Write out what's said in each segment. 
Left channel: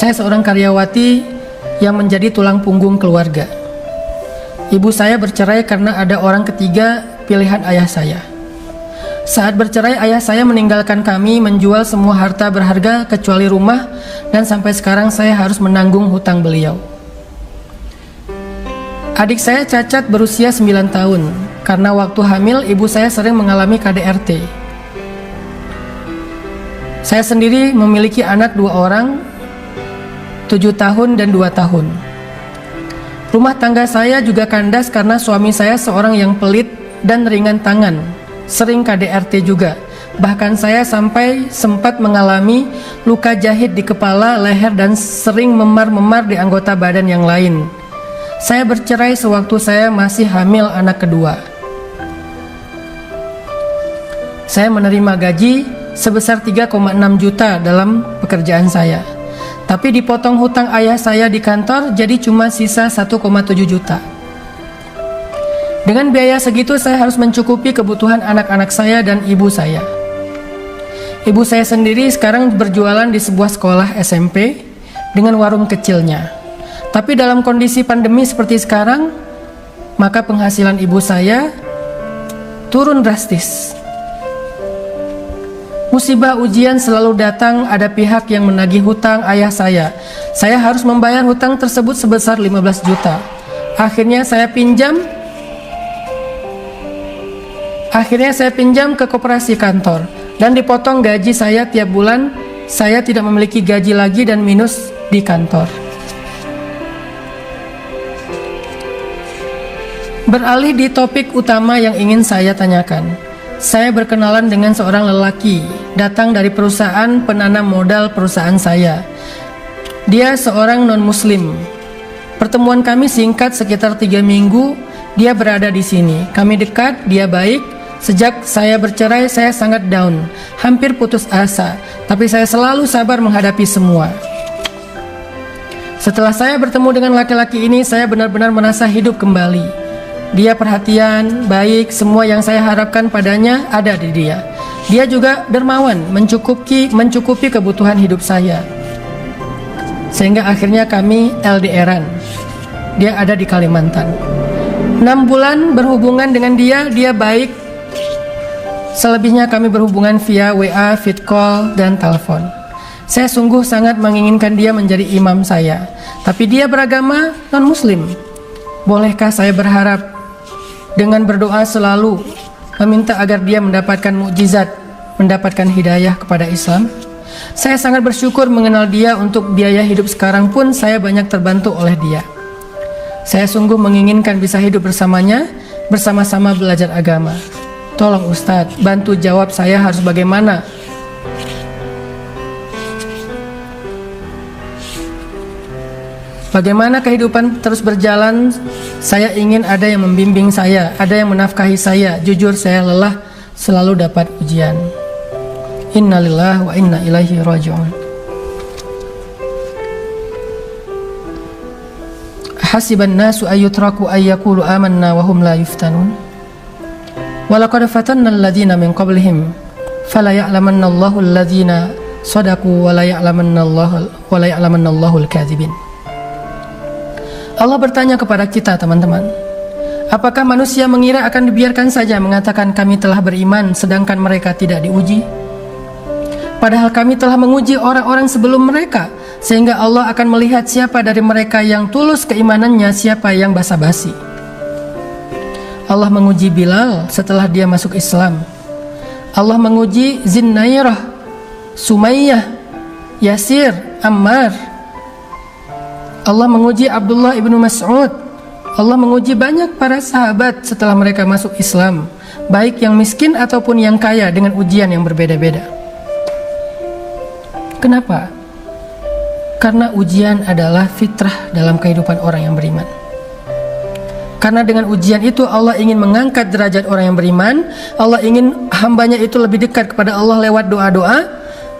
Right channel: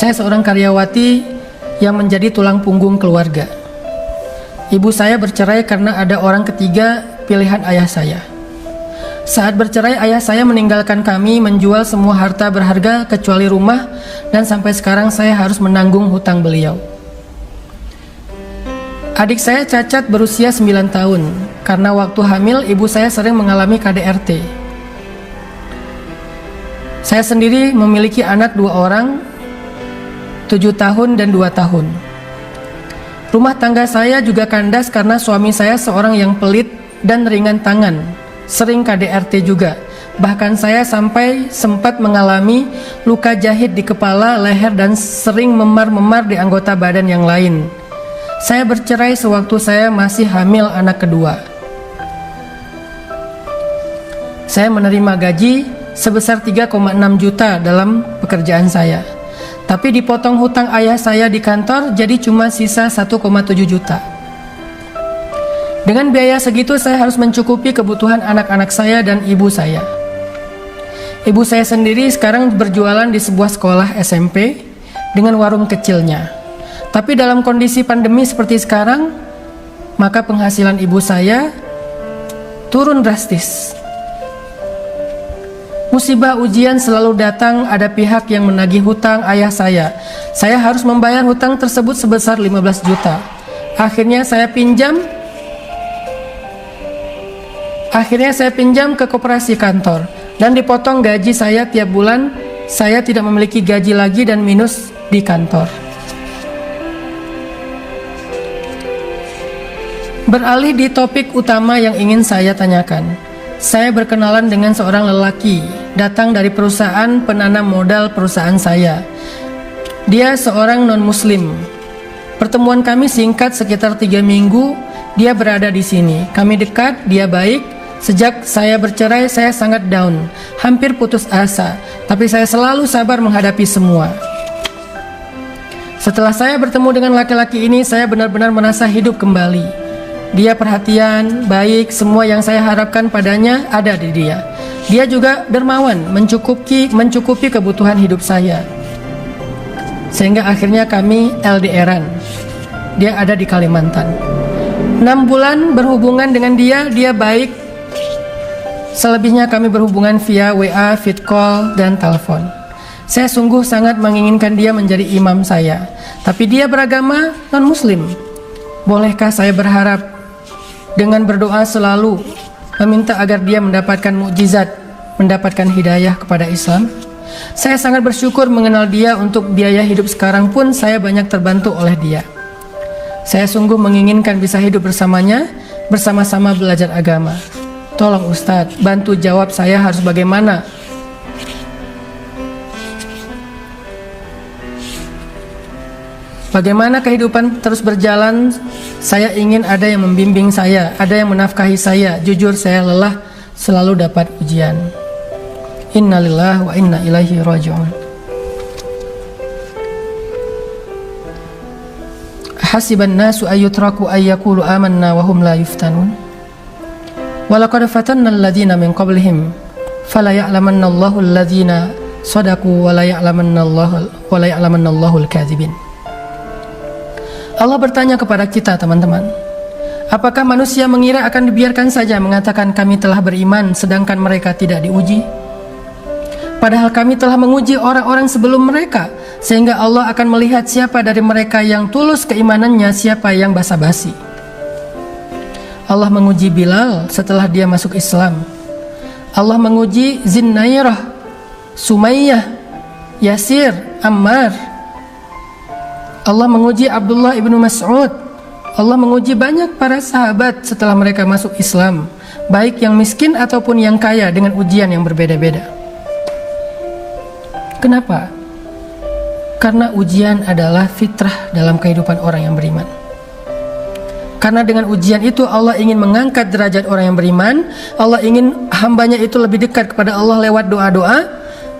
Saya seorang karyawati yang menjadi tulang punggung keluarga. Ibu saya bercerai karena ada orang ketiga pilihan ayah saya. Saat bercerai, ayah saya meninggalkan kami, menjual semua harta berharga kecuali rumah, dan sampai sekarang saya harus menanggung hutang beliau. Adik saya cacat berusia 9 tahun. Karena waktu hamil, ibu saya sering mengalami KDRT. Saya sendiri memiliki anak 2 orang, 7 tahun dan 2 tahun. Rumah tangga saya juga kandas karena suami saya seorang yang pelit dan ringan tangan, sering KDRT juga. Bahkan saya sampai sempat mengalami luka jahit di kepala, leher, dan sering memar-memar di anggota badan yang lain. Saya bercerai sewaktu saya masih hamil anak kedua. Saya menerima gaji sebesar 3,6 juta dalam pekerjaan saya. Tapi dipotong hutang ayah saya di kantor, jadi cuma sisa 1,7 juta. Dengan biaya segitu saya harus mencukupi kebutuhan anak-anak saya dan ibu saya. Ibu saya sendiri sekarang berjualan di sebuah sekolah SMP dengan warung kecilnya. Tapi dalam kondisi pandemi seperti sekarang, maka penghasilan ibu saya turun drastis. Musibah ujian selalu datang, ada pihak yang menagih hutang ayah saya. Saya harus membayar hutang tersebut sebesar 15 juta. Akhirnya saya pinjam ke koperasi kantor dan dipotong gaji saya tiap bulan. Saya tidak memiliki gaji lagi dan minus di kantor. Beralih di topik utama yang ingin saya tanyakan. Saya berkenalan dengan seorang lelaki, datang dari perusahaan penanam modal perusahaan saya. Dia seorang non-muslim. Pertemuan kami singkat sekitar 3 minggu, dia berada di sini. Kami dekat, dia baik. Sejak saya bercerai, saya sangat down, hampir putus asa. Tapi saya selalu sabar menghadapi semua. Setelah saya bertemu dengan laki-laki ini, saya benar-benar merasa hidup kembali. Dia perhatian, baik, semua yang saya harapkan padanya ada di dia. Dia juga dermawan, mencukupi kebutuhan hidup saya. Sehingga akhirnya kami LDRan. Dia ada di Kalimantan. 6 bulan berhubungan dengan dia baik. Selebihnya kami berhubungan via WA, vid call, dan telepon. Saya sungguh sangat menginginkan dia menjadi imam saya. Tapi dia beragama non-muslim. Bolehkah saya berharap dengan berdoa selalu meminta agar dia mendapatkan mukjizat, mendapatkan hidayah kepada Islam? Saya sangat bersyukur mengenal dia. Untuk biaya hidup sekarang pun saya banyak terbantu oleh dia. Saya sungguh menginginkan bisa hidup bersamanya, bersama-sama belajar agama. Tolong Ustadz, bantu jawab saya harus bagaimana. Bagaimana kehidupan terus berjalan? Saya ingin ada yang membimbing saya, ada yang menafkahi saya. Jujur saya lelah selalu dapat ujian. Innalillahi wa inna ilaihi raji'un. Hasiban nasu ayyutraku ayyakulu amanna wa hum la yuftanun. Wa laqad fatanna alladhina min qablihim fala ya'lamanna Allahu alladhina sadaqu wa la ya'lamanna Allahu al-kadzibin. Allah bertanya kepada kita, teman-teman. Apakah manusia mengira akan dibiarkan saja mengatakan kami telah beriman sedangkan mereka tidak diuji? Padahal kami telah menguji orang-orang sebelum mereka, sehingga Allah akan melihat siapa dari mereka yang tulus keimanannya, siapa yang basa-basi. Allah menguji Bilal setelah dia masuk Islam. Allah menguji Zinnairah, Sumayyah, Yasir, Ammar. Allah menguji Abdullah ibnu Mas'ud. Allah menguji banyak para sahabat setelah mereka masuk Islam, baik yang miskin ataupun yang kaya, dengan ujian yang berbeda-beda. Kenapa? Karena ujian adalah fitrah dalam kehidupan orang yang beriman. Karena dengan ujian itu Allah ingin mengangkat derajat orang yang beriman. Allah ingin hambanya itu lebih dekat kepada Allah lewat doa-doa.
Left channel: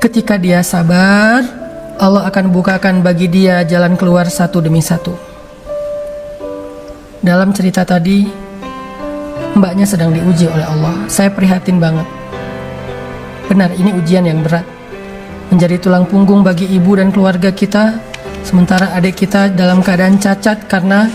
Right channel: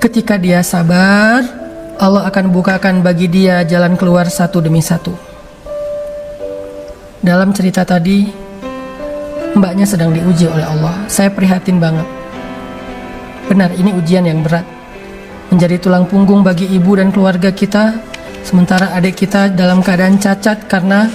Ketika dia sabar, Allah akan bukakan bagi dia jalan keluar satu demi satu. Dalam cerita tadi, mbaknya sedang diuji oleh Allah. Saya prihatin banget. Benar, ini ujian yang berat. menjadi tulang punggung bagi ibu dan keluarga kita, sementara adik kita dalam keadaan cacat karena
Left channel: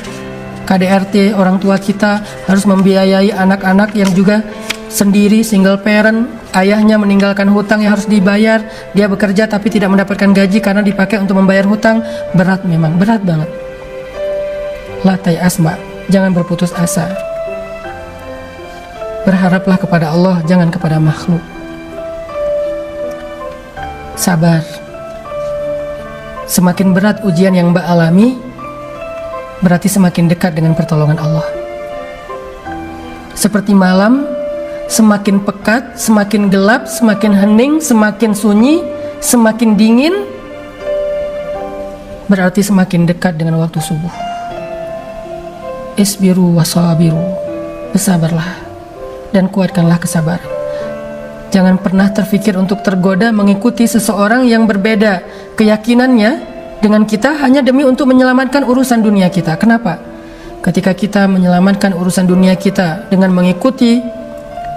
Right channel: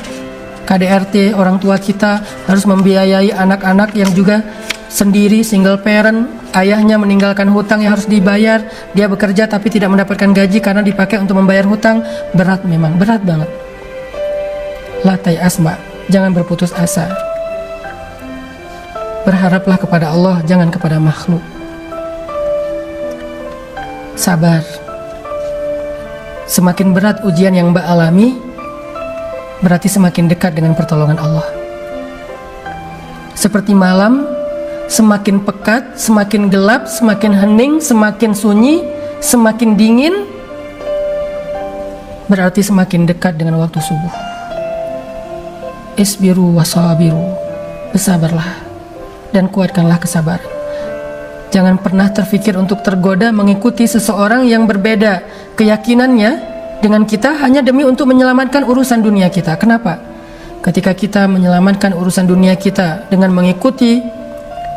KDRT, orang tua kita harus membiayai anak-anak yang juga sendiri, single parent, ayahnya meninggalkan hutang yang harus dibayar, dia bekerja tapi tidak mendapatkan gaji karena dipakai untuk membayar hutang. Berat, memang berat banget. La tay'as, Mbak, jangan berputus asa. Berharaplah kepada Allah, jangan kepada makhluk. Sabar. Semakin berat ujian yang Mbak alami, berarti semakin dekat dengan pertolongan Allah. Seperti malam, semakin pekat, semakin gelap, semakin hening, semakin sunyi, semakin dingin, berarti semakin dekat dengan waktu subuh. Isbiru wasabiru, bersabarlah dan kuatkanlah kesabaran. Jangan pernah terfikir untuk tergoda mengikuti seseorang yang berbeda keyakinannya dengan kita hanya demi untuk menyelamatkan urusan dunia kita. Kenapa? Ketika kita menyelamatkan urusan dunia kita dengan mengikuti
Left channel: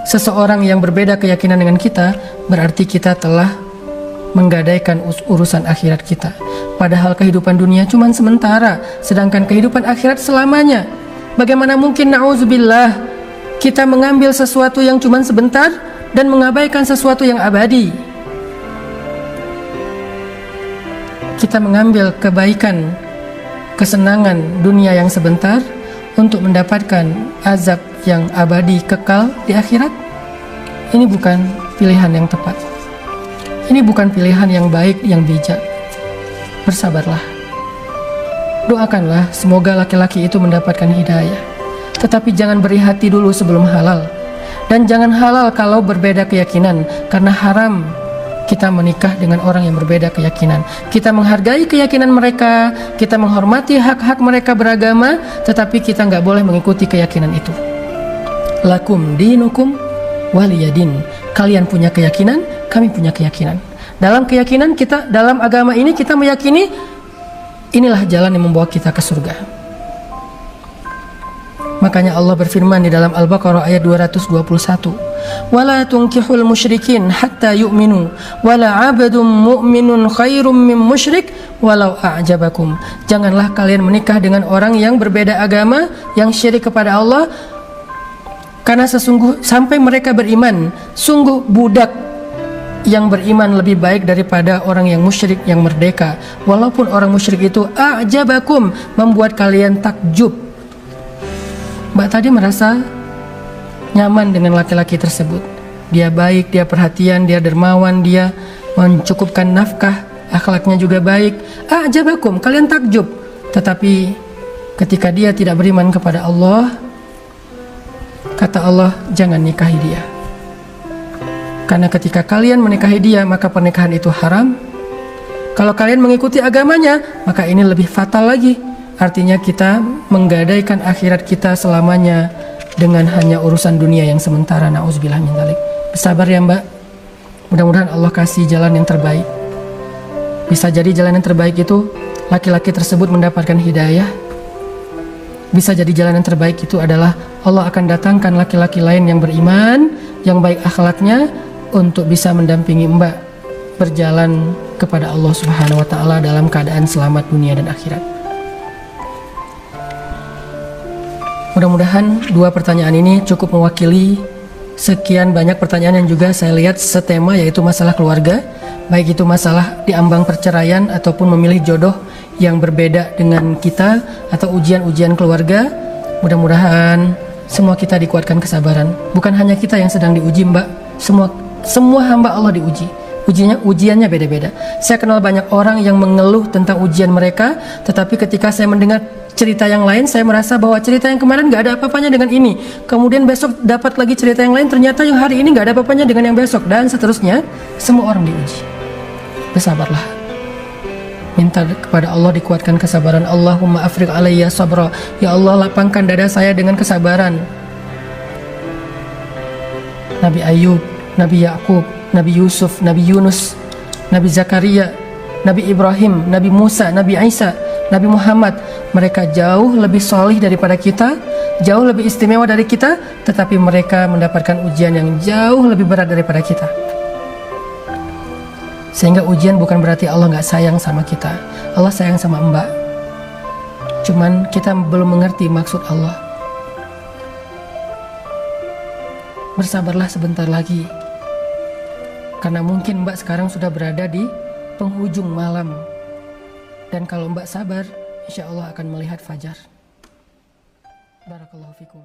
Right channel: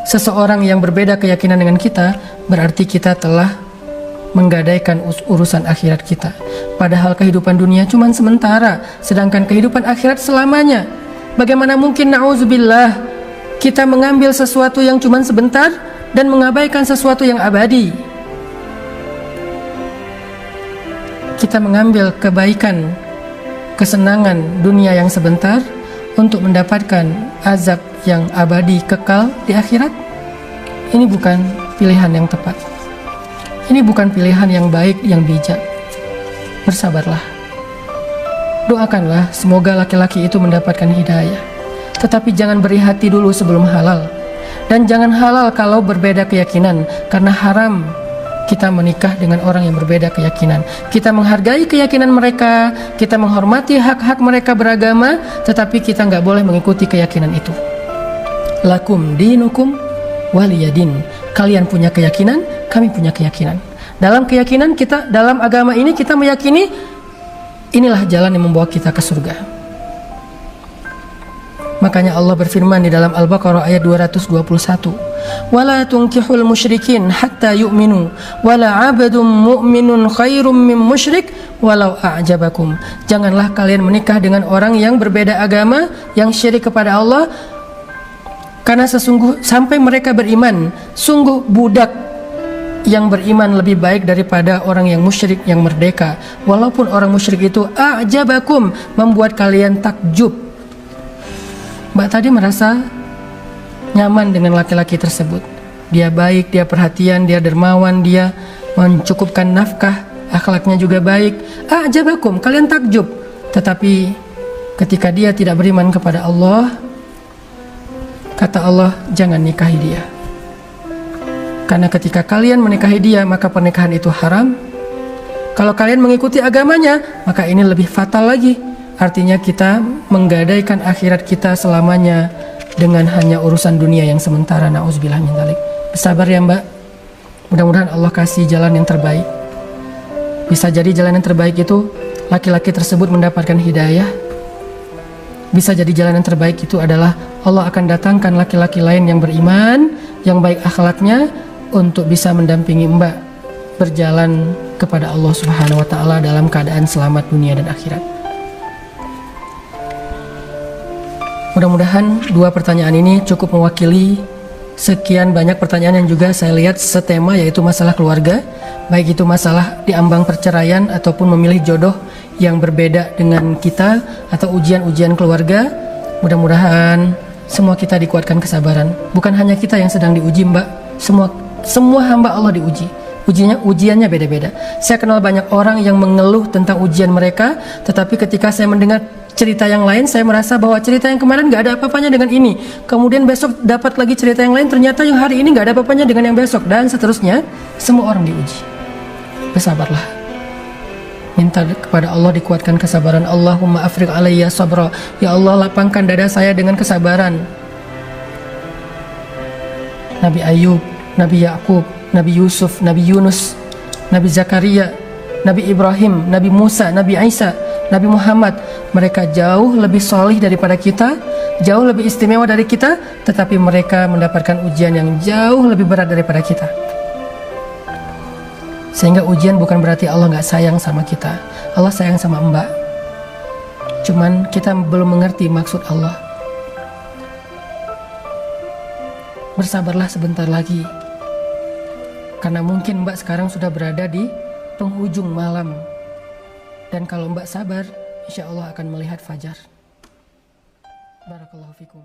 seseorang yang berbeda keyakinan dengan kita, berarti kita telah menggadaikan urusan akhirat kita. Padahal kehidupan dunia cuma sementara, sedangkan kehidupan akhirat selamanya. Bagaimana mungkin, na'udzubillah, kita mengambil sesuatu yang cuma sebentar dan mengabaikan sesuatu yang abadi? Kita mengambil kebaikan, kesenangan dunia yang sebentar untuk mendapatkan azab yang abadi kekal di akhirat. Ini bukan pilihan yang tepat. Ini bukan pilihan yang baik, yang bijak. Bersabarlah. Doakanlah semoga laki-laki itu mendapatkan hidayah. Tetapi jangan beri hati dulu sebelum halal. Dan jangan halal kalau berbeda keyakinan, karena haram kita menikah dengan orang yang berbeda keyakinan. Kita menghargai keyakinan mereka, kita menghormati hak-hak mereka beragama, tetapi kita nggak boleh mengikuti keyakinan itu. Lakum dinukum waliyadin. Kalian punya keyakinan, kami punya keyakinan. Dalam keyakinan kita, dalam agama ini kita meyakini inilah jalan yang membawa kita ke surga. Makanya Allah berfirman di dalam Al-Baqarah ayat 221, "Wala tunkihul musyrikin hatta yu'minu, wala 'abdun mu'minun khairum min musyrik walau a'jabakum." Janganlah kalian menikah dengan orang yang berbeda agama, yang syirik kepada Allah, karena sampai mereka beriman. Sungguh budak yang beriman lebih baik daripada orang yang musyrik yang merdeka. Walaupun orang musyrik itu a'jabakum, membuat kalian takjub. Mbak tadi merasa nyaman dengan laki-laki tersebut. Dia baik, dia perhatian, dia dermawan, dia mencukupkan nafkah, akhlaknya juga baik. Ajabakum, kalian takjub. Tetapi ketika dia tidak beriman kepada Allah, kata Allah, jangan nikahi dia. Karena ketika kalian menikahi dia, maka pernikahan itu haram. Kalau kalian mengikuti agamanya, maka ini lebih fatal lagi. Artinya kita menggadaikan akhirat kita selamanya dengan hanya urusan dunia yang sementara. Na'udzubillah min dzalik. Bersabar ya Mbak. Mudah-mudahan Allah kasih jalan yang terbaik. Bisa jadi jalan yang terbaik itu laki-laki tersebut mendapatkan hidayah. Bisa jadi jalan yang terbaik itu adalah Allah akan datangkan laki-laki lain yang beriman, yang baik akhlaknya, untuk bisa mendampingi Mbak berjalan kepada Allah Subhanahu wa Ta'ala dalam keadaan selamat dunia dan akhirat. Mudah-mudahan dua pertanyaan ini cukup mewakili sekian banyak pertanyaan yang juga saya lihat setema, yaitu masalah keluarga, baik itu masalah diambang perceraian ataupun memilih jodoh yang berbeda dengan kita, atau ujian-ujian keluarga. Mudah-mudahan semua kita dikuatkan kesabaran. Bukan hanya kita yang sedang diuji Mbak, semua hamba Allah diuji. Ujiannya beda-beda. Saya kenal banyak orang yang mengeluh tentang ujian mereka, tetapi ketika saya mendengar cerita yang lain, saya merasa bahwa cerita yang kemarin gak ada apa-apanya dengan ini. Kemudian besok dapat lagi cerita yang lain, ternyata yang hari ini gak ada apa-apanya dengan yang besok, dan seterusnya. Semua orang diuji. Bersabarlah. Minta kepada Allah dikuatkan kesabaran. Allahumma afriq alayya sabra. Ya Allah, lapangkan dada saya dengan kesabaran. Nabi Ayub, Nabi Yakub, Nabi Yusuf, Nabi Yunus, Nabi Zakaria, Nabi Ibrahim, Nabi Musa, Nabi Isa, Nabi Muhammad, mereka jauh lebih salih daripada kita, jauh lebih istimewa dari kita, tetapi mereka mendapatkan ujian yang jauh lebih berat daripada kita. Sehingga ujian bukan berarti Allah nggak sayang sama kita. Allah sayang sama Mbak. Cuman kita belum mengerti maksud Allah. Bersabarlah sebentar lagi. Karena mungkin Mbak sekarang sudah berada di penghujung malam. Dan kalau Mbak sabar, insya Allah akan melihat fajar. Barakallahu fikum.